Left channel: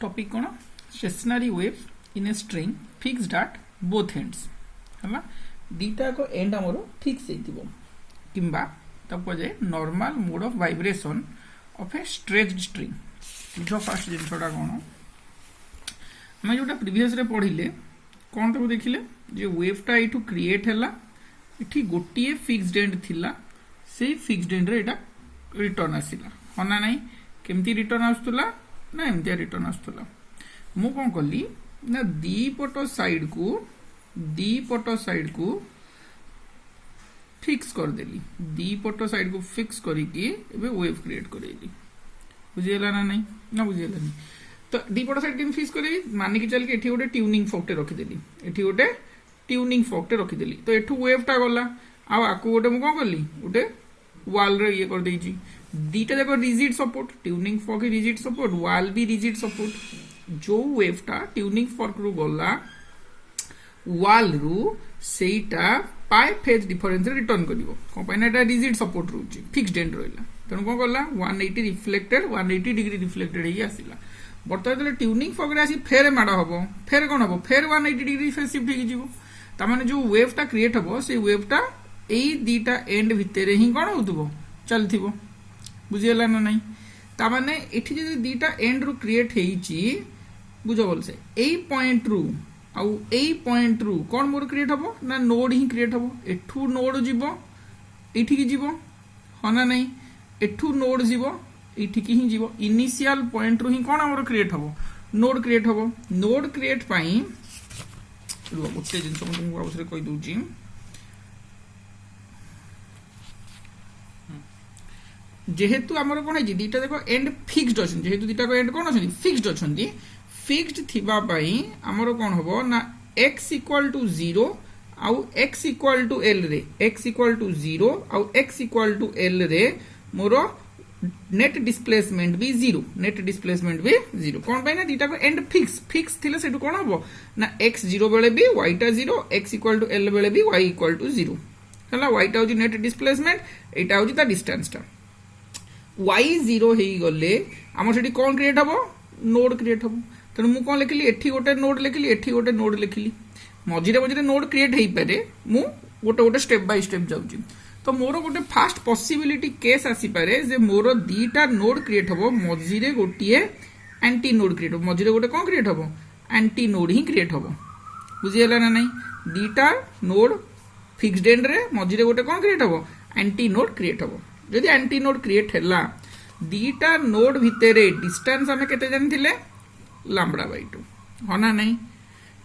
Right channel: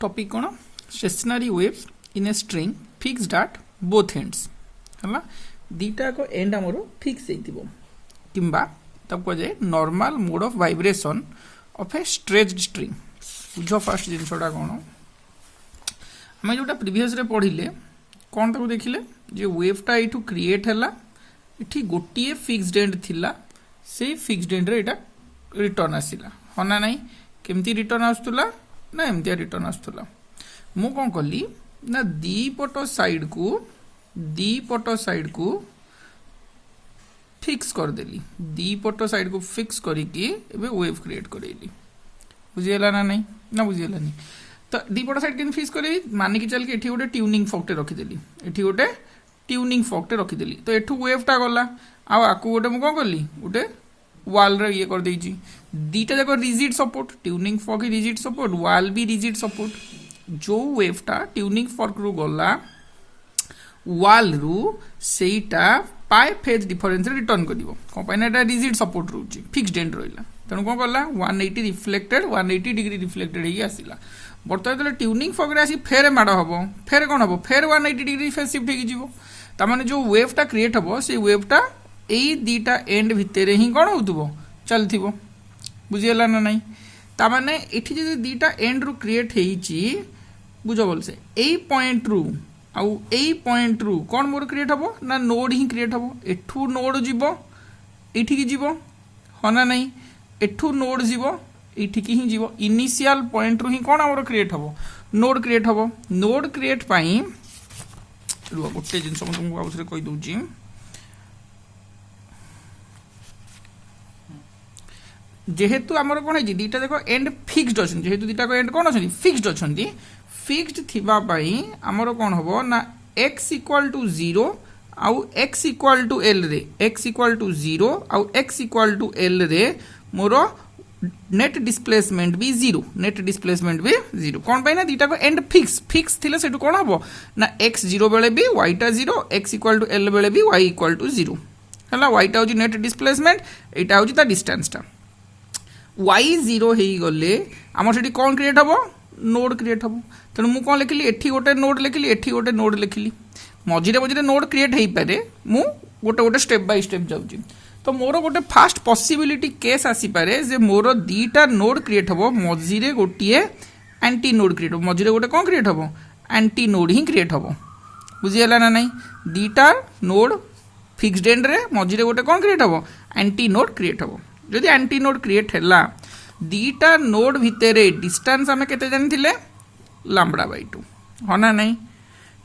Topic कौन stationery waves in a string fixed at both ends है दीटा को and आमर फिक्स हो किंबा तब कहे normal mode of vibration of A stretched string बुझ फास्ट जिनसा कौन आम जो प्रीवियस रे पढ़िले कौन तक देखिले जो वेवटा ये क्रिएट है ये गोटे फिक्स्ड एंड थिला से फिक्स्ड एंड रे रिटर्न आसला हाँ ना नाई केमती रिटर्न आसुला ना एमती रिटर्न आसुला मु कौन कली ना दीपट साइड को फिक्स करदेली दीपट साइड को फिक्स करके वेव क्रिएट करेली बुझीगला ना नहीं ना बुझीगला नहीं तो दीपट साइड के फिक्स करी मानिक चल के गोटे ट्यूनिंग फॉक्टे रखीदेली ये गोटे ट्यूनिंग फॉक्टे रखीदेली तो एठू वेवटा गला आपको गोटे मुझे कौन कली गोटे वाल रे ये कर देची दीटा जाक rigid support tuning fork rigid support वाल भी रिजिड सपोर्ट जो वेवटा ट्यूनिंग फॉर्क रु गला वाल रु सेटा पाए phase difference return करिवो कंपाइना Etah rigid support रहउची fixed and रहिला तनु कोन गला 180 रिफ्लेक्टेड 180 डिग्री रिफ्लेक्टेड हे आसिला बर्तमान ट्यूनिंग फॉर्क रे आसी फेर माड हबो फेर कोन हबो फेर 180 डिग्री फेज शिफ्ट हे जिवो ता माने जो वेवटा क्रिएट हबो से वेवटा एई दीटा एंड भितर ही कौन हो चलती बुझीगला ना नाई ताने ये दीटा एंड रु क्रिएट होती बुझ बोल से यही पॉइंट रु आउ यही पॉइंट रु कौन मोर क्रिएट हम ना नोड ही क्रिएट हम एठू नोड जीव ये जीव हाँ ना नाई एठू नोड जीव ये ही जीव इनिशियल पॉइंट रु ही कौन आमर क्रिएट हम नोड क्रिएट हम नोड क्रिएट पाई गोटे जिन तुमको आउे कहीदे जेहेतु आमर कौन है दीटा देख एंड फिक्स्ड अच्छा जेहेतु दीटा एंड कौन अच्छा फिक्स्ड अच्छा फिक्स्ड थी आमर कौन हम ना एक्स इक्वाल टू 0 आउ एक्स इक्वाल टू एल रे एक्स इक्वाल टू 0 आउ एक्स इक्वाल टू एल रे मोर नेट डिस्प्लेसमेंट भी 0 नेट डिस्प्लेसमेंट भी 0 कौन पाई ना दीटा को एंड फिक्स थिले सेटू कौन हम ना एक्स 0 बेले भी वाईटा 0 एक्स इक्वाल टू एल बेले भी वाई इक्वाल टू 0 है वाईटा हूँ नेट डिस्प्लेसमेंट यहाँ हूँ डिस्टेंसटा y0 हो गले आमर से कौन क्रिएट हम नोड क्रिएट हम तेणु मुझे कौन लिखिली एठी गोटे नोड लिखिली एठी गोटे नोड लिखिली मझिरे मझिरे नोड क्रिएट हो पारे मु गोटे गोटे स्टेप बाय स्टेप जाऊँगी तो मोर गोटे फास्ट पॉसिबिलिटी केस आसीपारे जे मोर दीटा नोड क्रिएट हम मझिरे गोटे एंटी नोड क्रिएट हम मझिरे गोटे कौन क्रिएट हम एंटी नोड ही क्रिएट हम बुझीगला ना नाई दीटा नोड फिक्स्ड एंड रे मझिरे गोटे कौन क्रिएट हम एंटी नोड क्रिएट हम जदि एंटी नोड क्रिएट है दीटा नोड भितर डिस्टेंस आम के जानी लैम्बडा बाय 2 हाँ ना नहीं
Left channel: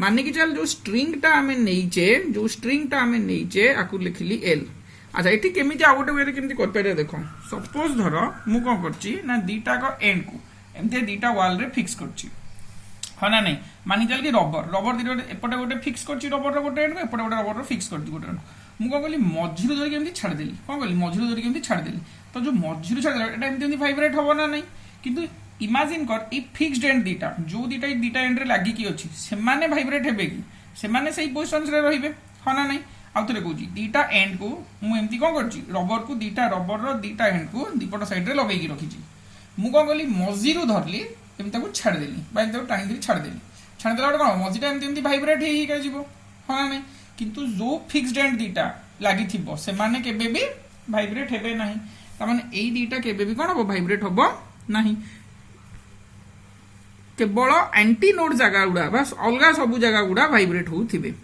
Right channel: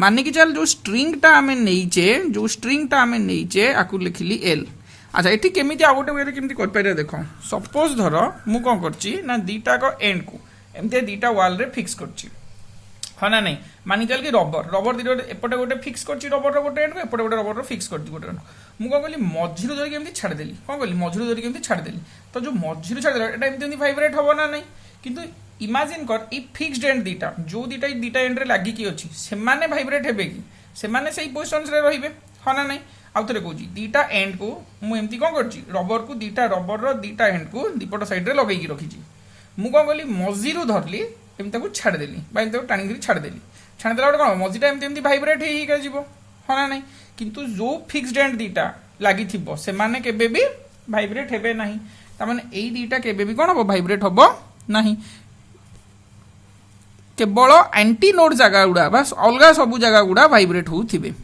मानिक चल जो स्ट्रिंगटा आम नहींचे जो स्ट्रिंगटा आम नहींचे आपको लिखिली एल अच्छा ये केमी आ गोटे वे केमती कर देख सपोज धर मु कौन कर दीटा को एंड को एमती दीटा वाल रे फिक्स कर हाँ ना नहीं मानिक चल कि रबर दीटा एपटे गोटे फिक्स कर रबर गोटे एंड एपटे गोटे रबर फिक्स कर गोटे मुझे कौन कली मझिरू धरिक एमती छाड़देली कौन कली मझिरू धरिक एमती छाड़देली तो जो मझिरू छाड़देला एटा एमती भाइब्रेट हम ना नहीं किंतु इमेजिन कर ई फिक्स्ड एंड दीटा जो दीटा एंड रे लागी की अछि सेमाने भाइब्रेट हेबे कि सेमाने सही पोजीशन रे रहिबे हाँ ना नहीं आउ थरे कहूची दीटा एंड को मु एमती कौन करची रबर को दीटा रबर रो दीटा एंड को दीपट साइड रे लगेई रखीची मु कौन कली मझिरू धरली एमती ताको छाड़देली बा एमती टाणी छाड़देली छाड़देला कौन मझिटा एमती भाइब्रेट हेई जीवो हाँ ना नहीं किंतु जो फिक्स्ड एंड दीटा लगी से माने केबे भी भाइब्रेट हेबे नहीं तामाने एई दीटा केबे भी कौन हम भाइब्रेट हम नहीं केवल एंटी नोड जगह गुड़ा बस अलग सब जगह गुड़ा भाइब्रेट होउथिबे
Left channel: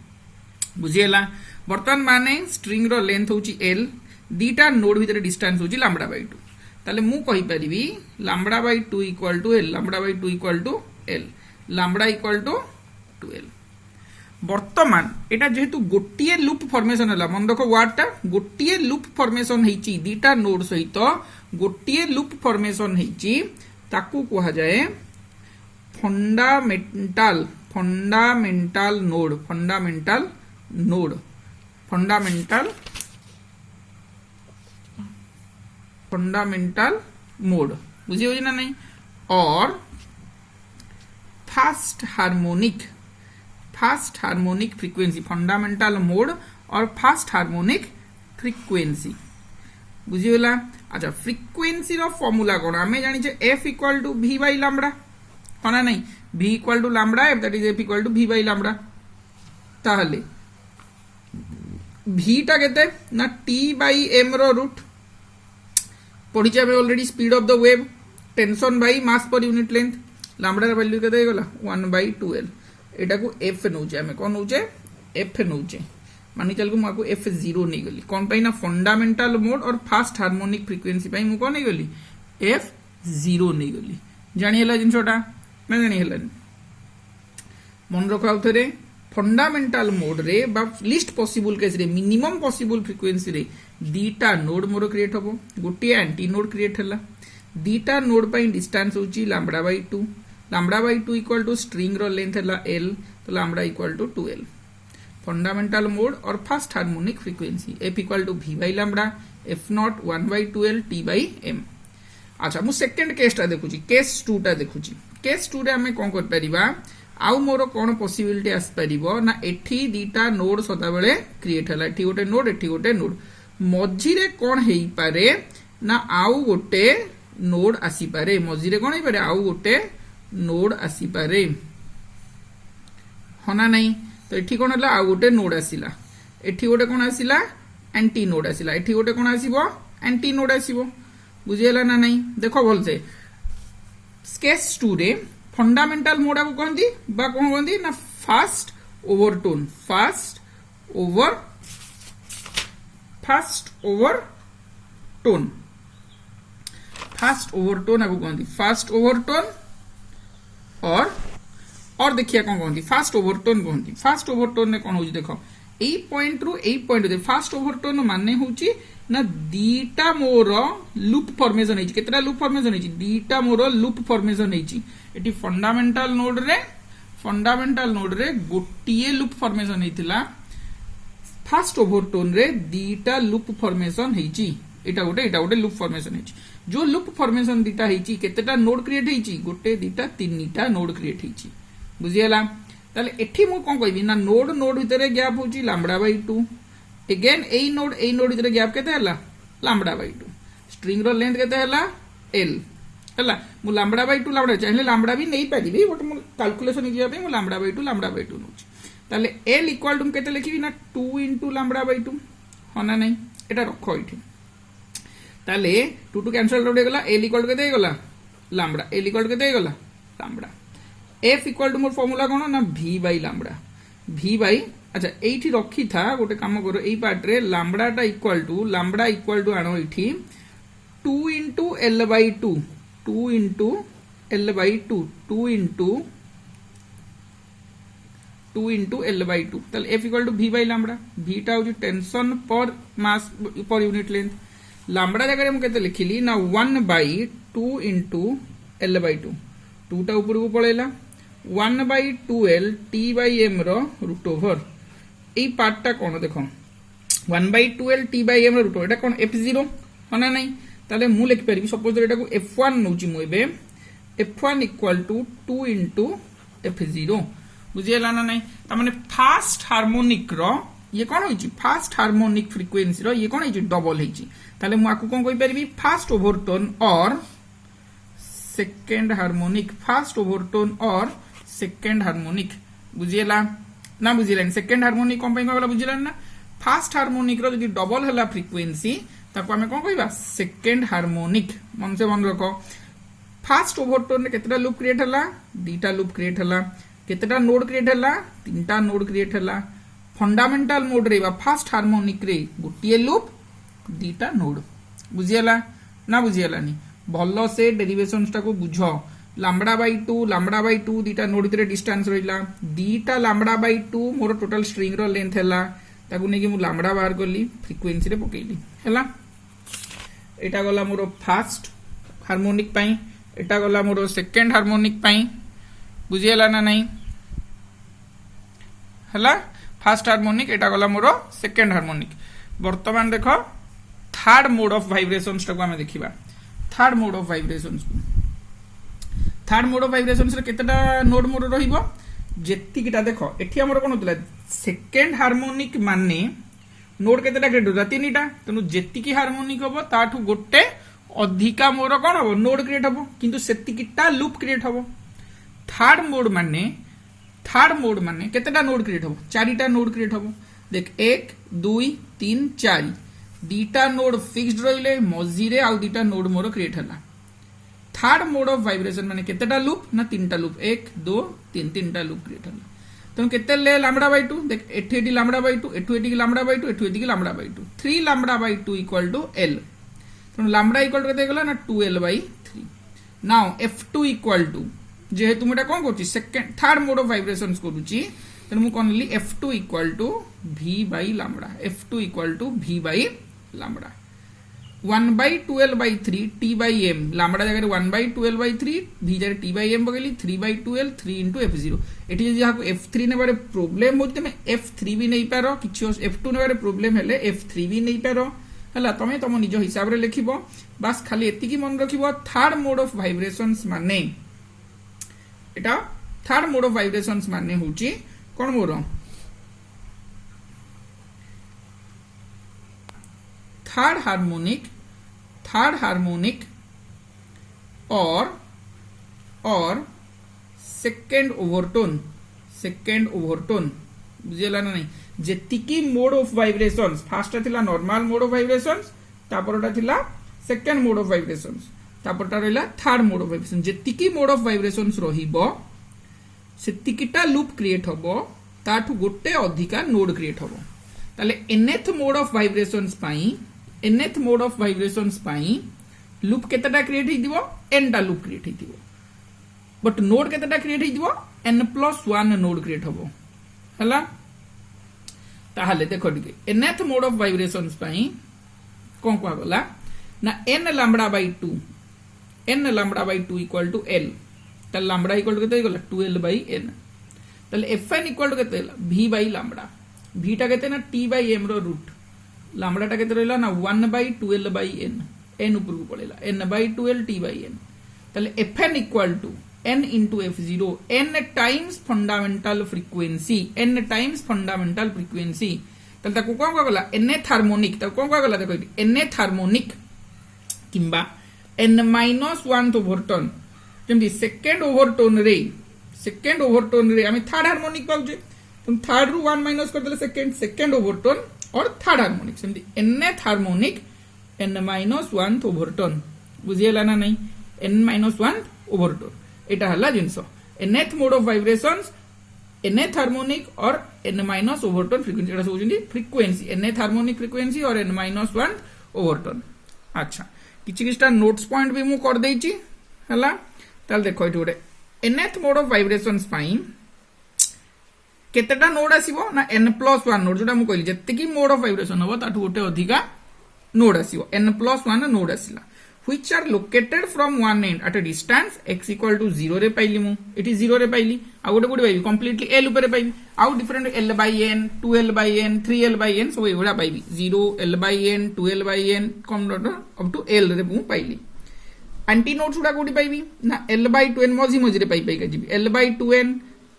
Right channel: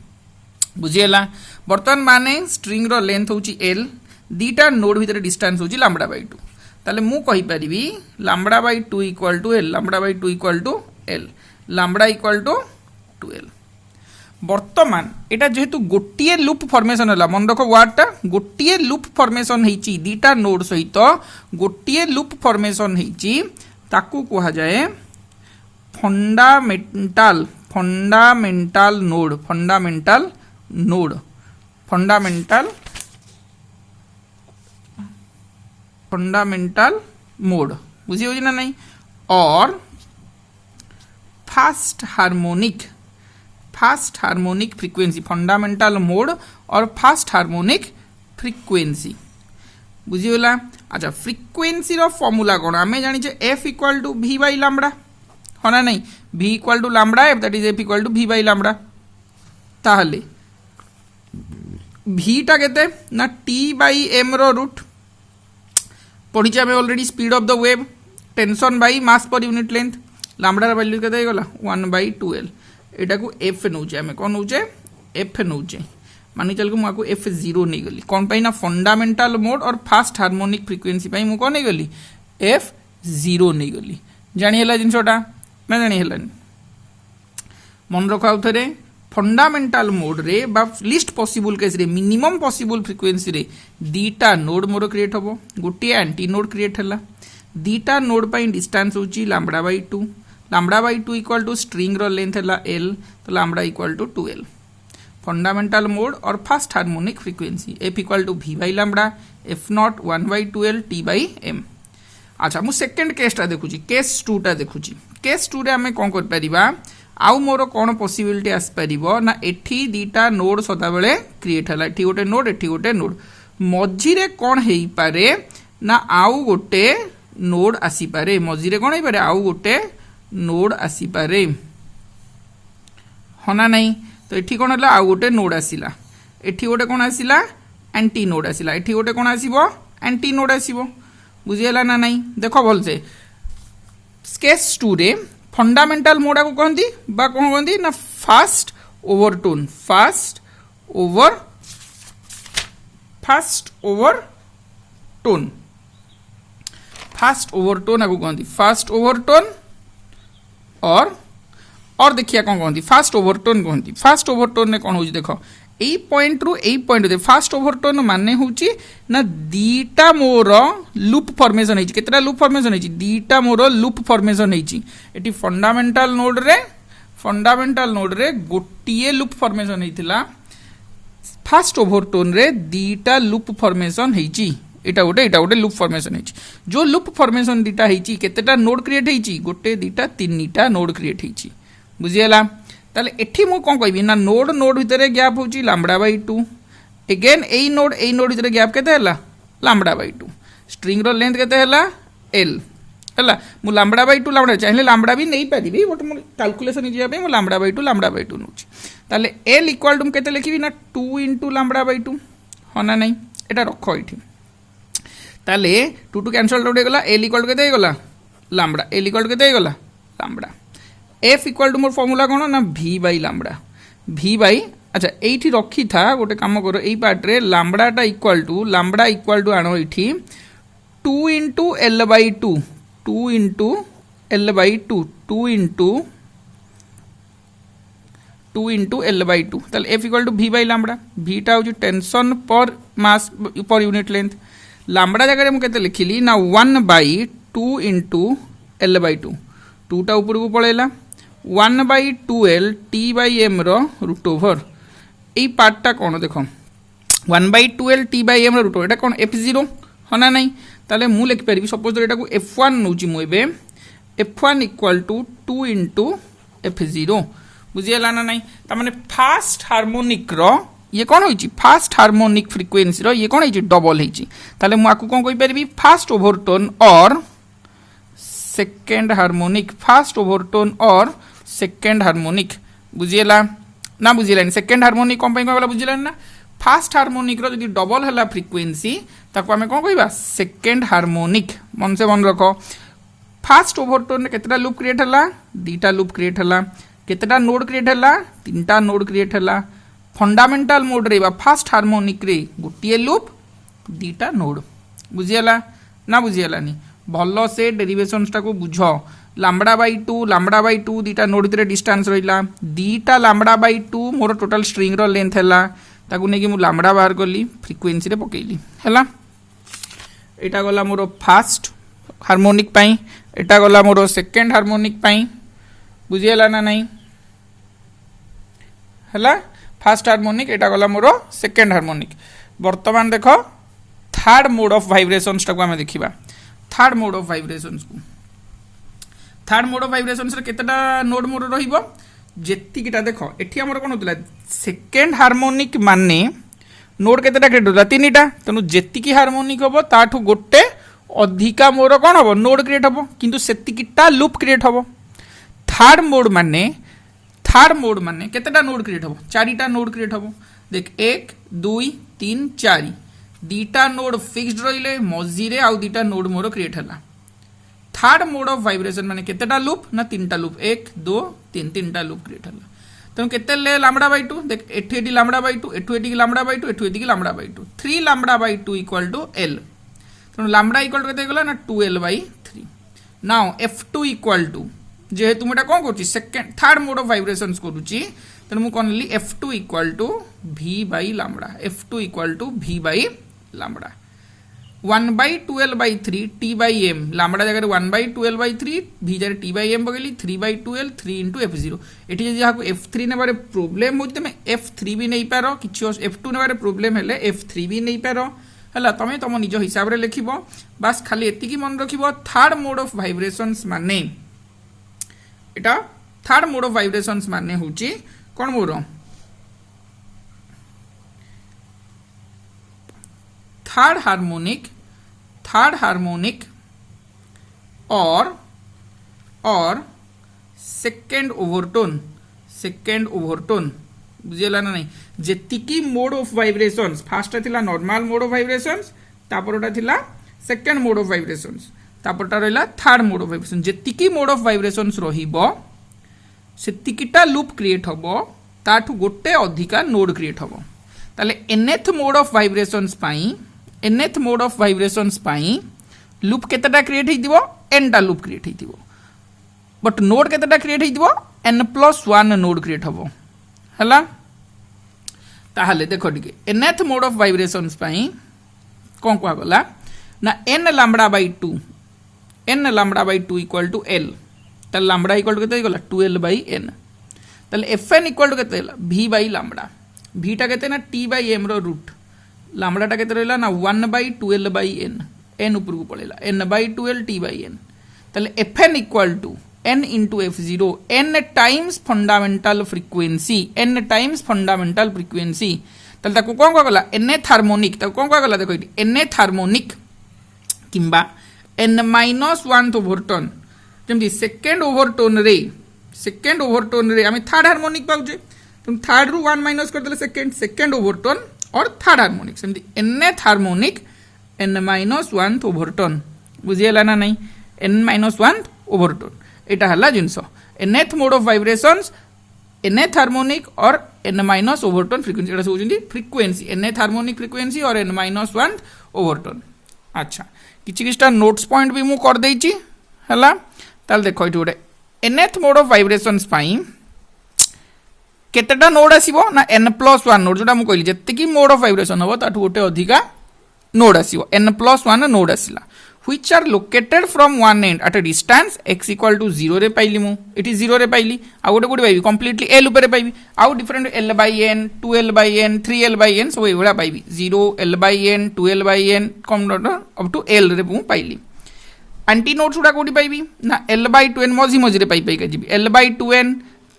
बुझीगला बर्तमान माने स्ट्रिंग रो लेंथ होची एल दीटा नोड भीतर डिस्टेंस होची लैम्बडा बाय 2 ताले मु कहि परिबी lambda by 2 equal to L lambda by 2 equal to L lambda equal to L बर्तमान एटा जेहेतु गोटे लूप फॉर्मेशन है मन रख वार्डटा गोटे लूप फॉर्मेशन होती दीटा नोड सहित गोटे लूप फॉर्मेशन होती ताकू कहा जाए fundamental fundamental node fundamental node fundamental fundamental mode बुझी ना नहीं और first harmonic frequency fundamental mode और फास्ट हार्मोनिक फ्रीक्वेंसी बुझीगला। अच्छा फ्रिक्वेन्सी रो फॉर्मूला कौन आम जानी F equal to v by lambda हाँ ना नहीं v equal to lambda F that is F equal to v by lambda ताहले v टा केते ना t बाई m रो रूट पढ़ी आम already speed of the wave tension by mass per unit length lambda value केते गला 1/2l एटा को f नौचे आम कौन नौचे f नौचे मानी चल को मुझे f0 नहीं गली कौन पाई ना फंडामेंटल मोड और फास्ट हार्मोनिक फ्रिक्वेंसी पाई मु कौन नहीं गली f0 नहीं गली जानी है जिनसटा मैं जानी है मन रख आउ थे फंडामेंटल मोड रे बा लिस्ट पॉसिबल केस रे मिनिमम पॉसिबल फ्रिक्वेंसी रे दीटा नोड मोर क्रिएट होबो गोटे एंटी नोड क्रिएट हला दीटा नोड पाई डिस्टेंस होची λ/2 इक्वल टू स्ट्रिंग रो लेंथ हला l तो λ equal to 2l fundamental mode और first harmonic frequency f equal to v by lambda f naught 1/2l t by m। अच्छा मु सेकंड केसटा देखुची केस 2 टा देखुची case 2 रे हमें कोन कर परिबा आउ मोर कौन पॉसिबिलिटी आस परिबो ना एठी दीटा नोड सदा बेले क्रिएट हला एठी गोटे नोड मझी रे कोन हेई पारे ना आउ गोटे नोड आसी पारे मझी रे कोन हेई पारे आउ गोटे नोड आसी पारे होना नहीं तो एठी कोन हला आउ गोटे नोड आसीला एठी गोटे कोन आसीला एंटी नोड आसीला एठी गोटे कोन आसीबो एंटी नोड आसीबो बुझियला ना नहीं देखो बोल से केस 2 रे फंडामेंटल मोड को कहती बा कौन कहती ना फास्ट ओवरटोन आपको कहती फास्ट ओवरटोन और देखिए कौन कहती फास्ट ओवरटोन कहती फास्ट ओवरटोन ने कौन हो देखो यही पॉइंट रु यही पॉइंट फास्ट ओवरटोन माने होची ना दीटा मोर लूप फॉर्मेशन होची केतरा लूप फॉर्मेशन होची दीटा मोर लूप फॉर्मेशन होची एटी फंडामेंटल नोड रे गोटिए लूप फॉर्मेशन हेतिला फास्ट ओवरटोन रे दीटा लूप फॉर्मेशन हेची एटा गोटे लूप फॉर्मेशन हेची जो लूप फॉर्मेशन दीटा हेची केतेटा नोड क्रिएट हेची गोटे दीटा तीनटा नोड क्रिएट हेची बुझियला ताले एठी मु कोन कहबी ना नोड भितर गैप होची λ/2 अगेन एई नोड भितर गैप केते हला λ/2 स्ट्रिंग रो लेंथ केते हला l हला मु λ/2 चाहिले लैम्बडा भी नहीं पारिबी बट मु कैलकुलेशन जिया पे मु λ/2 नोची ताले l इक्वल टू केते लिखिबी ना 2 * λ/2 होना नहीं एटा रखो एठी ताले 2 कैंसिल आउट हो गला l इक्वल टू केते गला लैम्बडा l इक्वल टू केते गला लैम्बडा f इक्वल टू मोर फॉर्मूला कौन ना v by lambda v by अच्छा एठी रखी था गोटे काम करो एई पार्ट रे लैम्बडाटा इक्वल टू आनो एठी 2 * l/2 2 * l/2 2 * l/2 ताले f equal to v by lambda v टा हो टेंशन पर मास पर यूनिट लेंथ लैम्बडा जगह मु केते लिखिली ना 1/2 * l/2 2 टा ऊपर को पळेला 1/2l t बाई m रो रूट ओवर यही पार्टा कौन देख 1/2l t बाई m रो रूट ओवर एटा कौन f0 होना नहीं ताले मु लिख पारि सपोज एटा को f1 नउची मु एबे f1 इक्वल टू 2 * f0 बुझियला ना नहीं ता माने फास्ट हार्मोनिक रो ये कौन होइची फास्ट हार्मोनिक फ्रिक्वेंसी रो ये कौन होइची डबल होइची ताले मु आकु कोन कहि पारि फास्ट ओवरटोन और सेकेंड हार्मोनिक फास्ट ओवरटोन और सेकेंड हार्मोनिक बुझियला ना बुझिलानी सेकेंड हार्मोनिक कौन कहला बुझिलानी ना फास्ट हार्मोनिक रो जदि डबल हला फ्रिक्वेंसी ताको हमें कौन कहबा सेकेंड हार्मोनिक मन से मन रखो फास्ट ओवरटोन रे केतेटा लूप क्रिएट हला दीटा लूप क्रिएट हला केतेटा नोड क्रिएट हला तीनटा नोड क्रिएट हला फंडामेंटल मोड रे बा फास्ट हार्मोनिक रे गोटिए लूप दीटा नोड बुझियला ना बुझियलानी भलो से डेरिवेशंस को बुझ λ/2 दीटा नोड भितर डिस्टेंस रहिला दीटा λ/2 मोर टोटल स्ट्रिंग रो लेंथ हैला ताकू नै कि मु लैम्बडा बाहर गली फ्रिक्वेंसी रे पकेइली हैला एटा गला मोर फास्ट हार्मोनिक पाई एटा गला मोर सेकंड हार्मोनिक पाई बुझियला ना नहीं हैला फास्ट हार्मोनिक एटा गला मोर सेकंड हार्मोनिक वर्तमान देखो थर्ड मोड ऑफ वाइब्रेशंस टाको हमें देखिबा थर्ड मोड ऑफ वाइब्रेशंस रे केतेटा नोड मोड रहिबो जेतिकिटा देखो एठी हमर कोन होतला सेकंड हार्मोनिक माने नोड केतेटा क्रिएट होला 3टा तेणु जेतिकी हार्मोनिक हम ताठू गोटे अधिका मोर कौन हम नोड क्रिएट हम किंतु सेतिकीटा लूप क्रिएट हम थर्ड मोड माने केतेटा नोड क्रिएट हम 4टा नोड क्रिएट हम देख 1 2 3 4 2टा नोड फिक्स्ड रहिले मझीरे आउ 2टा नोड मोर क्रिएट हला थर्ड मोड ऑफ वाइब्रेशन माने केतेटा लूप ना 3टा लूप 1 2 3 3टा लूप क्रिएट हला तेणु केते ले लैम्बडा बाय 2 देख एठी लैम्बडा बाय 2 एठी लैम्बडा बाय 2 एठी lambda by 2 3 lambda by 2 equal to L तेणु लैम्बडा इक्वल टू केते गला ना 2l bye 3 now f2 equal to जेहेतु मुटा कोन करछि second third mode of vibrations करूछि तेणु मु कोन ली f2 equal to v by lambda f2 equal to v by lambda 1 by 2l by 3 t by m lambda जगह 1 by 2l by 3 v जगह t by m पकली 3 by 2l 3 into f0 एठी जदि हाको f3 नेबारे problem होते में f3 भी नहीं पारो किछि f2 नेबारे problem हेले f3 भी नहीं पारो हला तमे तम निज हिसाब रे लिखिबो बस खाली एति की मन रखिबो थर्ड मोड ऑफ वाइब्रेशंस माने एटा थर्ड मोड ऑफ वाइब्रेशंस माने होची कोन मोर थर्ड हार्मोनिक और सेकंड ओवरटोन बुझेला ना नहीं जेतिकी मोड ऑफ वाइब्रेशंस फर्स्ट थिला नॉर्मल मोड ऑफ वाइब्रेशंस तापरटा थिला सेकंड मोड ऑफ वाइब्रेशंस तापरटा रहला थर्ड मोड ऑफ वाइब्रेशन जेतिकी मोड ऑफ वाइब्रेशंस रहिबो सेतिकीटा लूप क्रिएट हबो ताठू गोटे अधिका नोड क्रिएट हबो ताले nth मोड ऑफ वाइब्रेशंस पाई लूप केतेटा क्रिएट हितिबो nटा लूप क्रिएट हितिबो बट नोड केतेटा क्रिएट हितिबो n+1 नोड क्रिएट हबो हला ताहले देखो टिके nth मोड ऑफ वाइब्रेशंस पाई कोन को गला ना n lambda by 2 equal to l त लैम्बडा इक्वल टू केते गला 2l बाय n तले fn इक्वल टू केते v बाय लैम्बडा v टा केते ना t बाय m रो रूट लैम्बडा टा केते रहला ना 1 बाय 2l बाय n ऊपर को पळेला n by 2l t by n तले fn equal to n into f0 n times fundamental frequency तले ताको कोन को गला nth हार्मोनिक ताको कोन को गला देखो इटी nth हार्मोनिक किंबा n-1 ओवरटोन जेमति सेकंड ओवरटोन रे आमे थर्ड हार्मोनिक पाउजे तुम थर्ड रु 1 माइनस कर देले सेकंड ओवरटोन और थर्ड हार्मोनिक सेमति nth हार्मोनिक n-1 ओवरटोन बुझियला ना नहीं n-1 ओवरटोन एटा हला जिंस nth mode of vibrations nth harmonic और n- ओवरटोन फ्रीक्वेंसी एटा सोचंदी फ्रीक्वेंसी nth हार्मोनिक फ्रीक्वेंसी और n-1 ओवरटोन अच्छा किछिटा नोट्स पॉइंट भी मु कर देछि हला ताल देखो इटी गोटे nth मोड ऑफ वाइब्रेशंस पाई केतेटा नोड आसीबो ना n+1 नोड जोटा मु कहली जत्ते मोड ऑफ वाइब्रेशन हो ताठू गोटे अधिका नोड आसीबो n+1 नोड आसीला which are located from one end at a distance x equal to 0 रे पाइली मु इटी 0 रे पाइली आ गोटे गुडी पाइबी कंप्लीटली l ऊपर पाइबी आ different l by n 2l by n 3l by n सब एवडा पाइबी 0 l by n 2l by n कम नोड अप टू l रे मु पाइली एंटी नोड्स गुडा कोडी पाइबी ना l by 2n मझी रे पाइ के GB l by 2n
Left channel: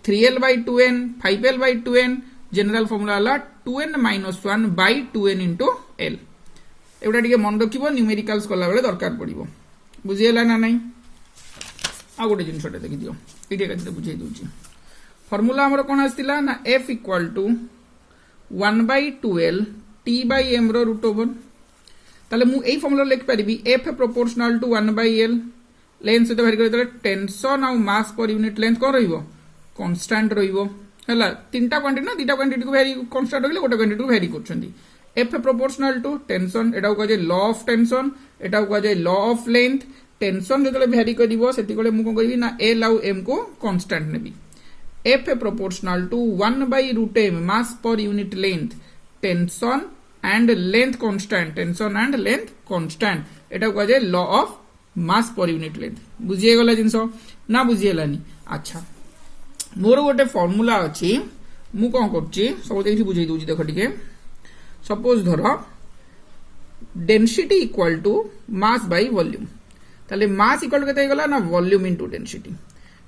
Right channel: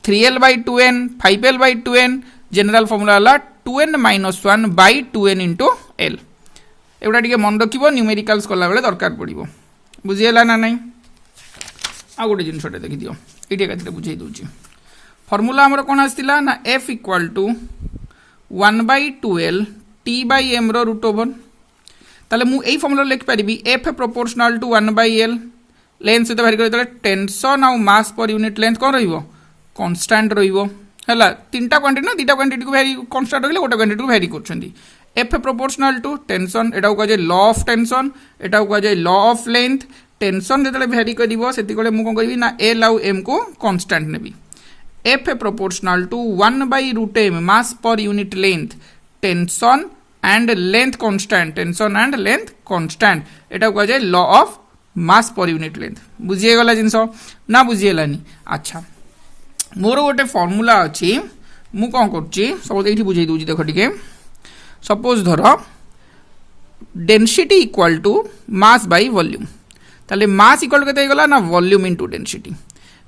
3l by 2n 5l by 2n general formula हला 2n-1 by 2n into l एवडा टिके मन रखिबो न्यूमेरिकल्स कला बेले दरकार पड़िबो बुझियला ना नहीं आ गोटे जिनसटे देखि दियो इटे कते बुझाई दोची फार्मूला हमर कोन आस्तिला ना f equal to 1 by 2l t by m रो रूट ओवर ताले मु एई फार्मूला लिख परिबी f proportional to 1 by l length से भारी करे टेंशन और मास पर यूनिट लेंथ कोन रहिबो कांस्टेंट रहिबो हला तीनटा क्वांटिटी ना दीटा क्वांटिटी को वेरी कांस्टेंट रहिले गोटे क्वांटिटी को वेरी करछंदी f प्रोपोर्शनल टू टेंशन एटा को जे लॉ ऑफ टेंशन एटा को जे लॉ ऑफ लेंथ टेंशन जेतले वेरी करिवो सेति कोले मु कोन करबी ना l और m को कांस्टेंट नेबी f proportional to 1 by root m mass per unit length tension and length constant एटा को जे law of mass per unit length बुझिए गला जिंस ना बुझिएलानी अच्छा मोर गोटे फार्मूला अछि मु कोन करछि सब एठी बुझाई दोछि देखो टिके सपोज धर density equal to mass by volume ताले मास इक्वल केते गला ना वॉल्यूम इनटू डेंसिटी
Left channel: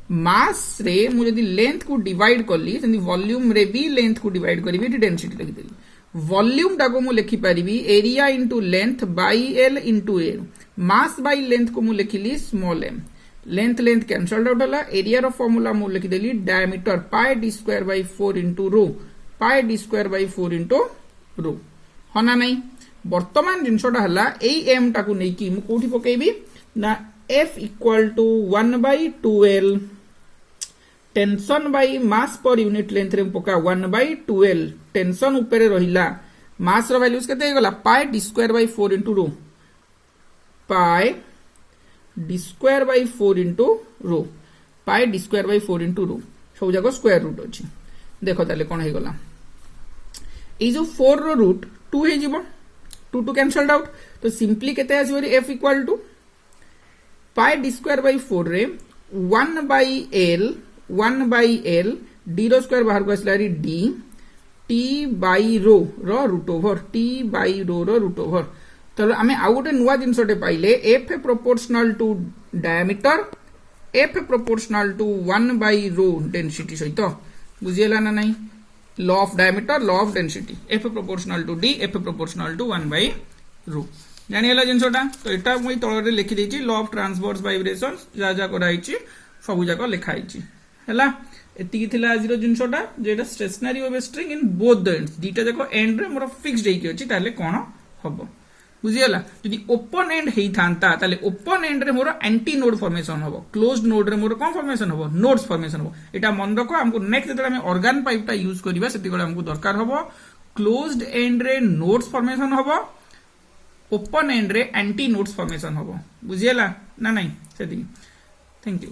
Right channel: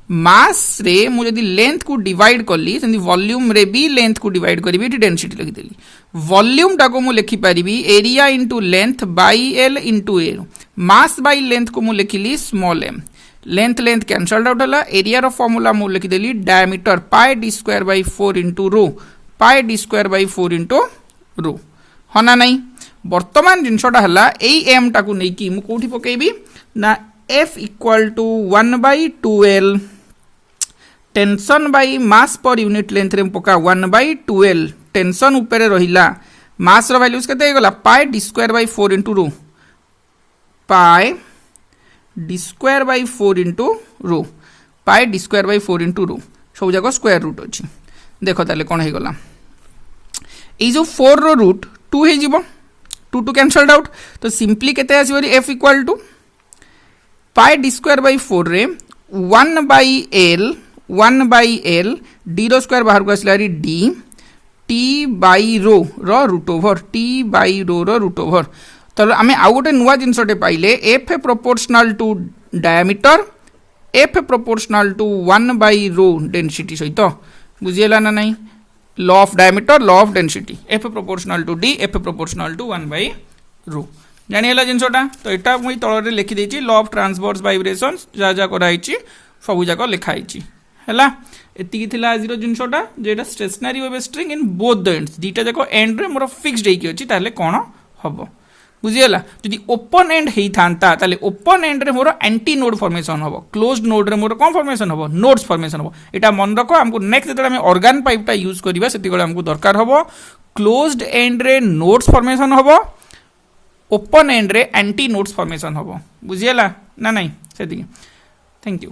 मास रे मु जदि लेंथ को डिवाइड कली सेमती वॉल्यूम रे भी लेंथ को डिवाइड करी ये डेंसिटी लिखिदेली वॉल्यूम टाको मु लिखि पारिबी area into length by L into A mass by length को मु लिखिली small M length length cancelled out हला एरिया रो फॉर्मूला मु लिखिदेली diameter pi D square by 4 into rho pi D square by 4 into rho हना नहीं वर्तमान जिनसटा हला एई एम टाको नै कि मु कोठी पकेबी ना F equal to 1 by 2l tension by mass per unit length रे पका 1 बाई 2l टेंशन ऊपर रहिला मास रो वैल्यूज केते गला pi D square by 4 into rho pi D square by 4 into rho pi D square by 4 into rho सब जगह square root अच्छी देख ताले कौन हो गला ये जो 4 रो रूट 2 हो जिवो 2 टू कैंसल्ड आउट तो सिंपली केते आसीबो F equal to pi D square by 4 रे 1 by L D rho square बाहर को आसला D T by rho root over T by rho root over तो आम आउ गोटे नुआ जिनसटे पाइले F proportional to diameter F proportional to 1 by rho density सहित बुझीगला ना नहीं law of diameter law of density F proportional to D F proportional to 1 by rho जानिगला जिनसटा तो यहाँ मुझे तल लिखी देती लॉ ऑफ ट्रांसवर्स वाइब्रेशन जहाँ जहाँ कराई सब जाक लिखाई है एति आज जिनसटा जो stationary wave string in both the ends दीटा जाक एंड रे मोर फिक्स्ड होती ताले कौन हम बुझीगला जदि ओपन एंड होता ताले ओपन एंड रे मोर एंटी नोड फॉर्मेशन हम क्लोज्ड नोड रे मोर कौन फॉर्मेशन हम नोड्स फॉर्मेशन हम यहाँ मन रख हमको नेक्स्ट जो ऑर्गन पाइपटा यूज करवा से हमको दरकार हम क्लोज्ड एंड रे नोड्स फॉर्मेशन हम ओपन एंड रे एंटी नोड्स फॉर्मेशन हम बुझीगला ना नहीं से थैंक यू।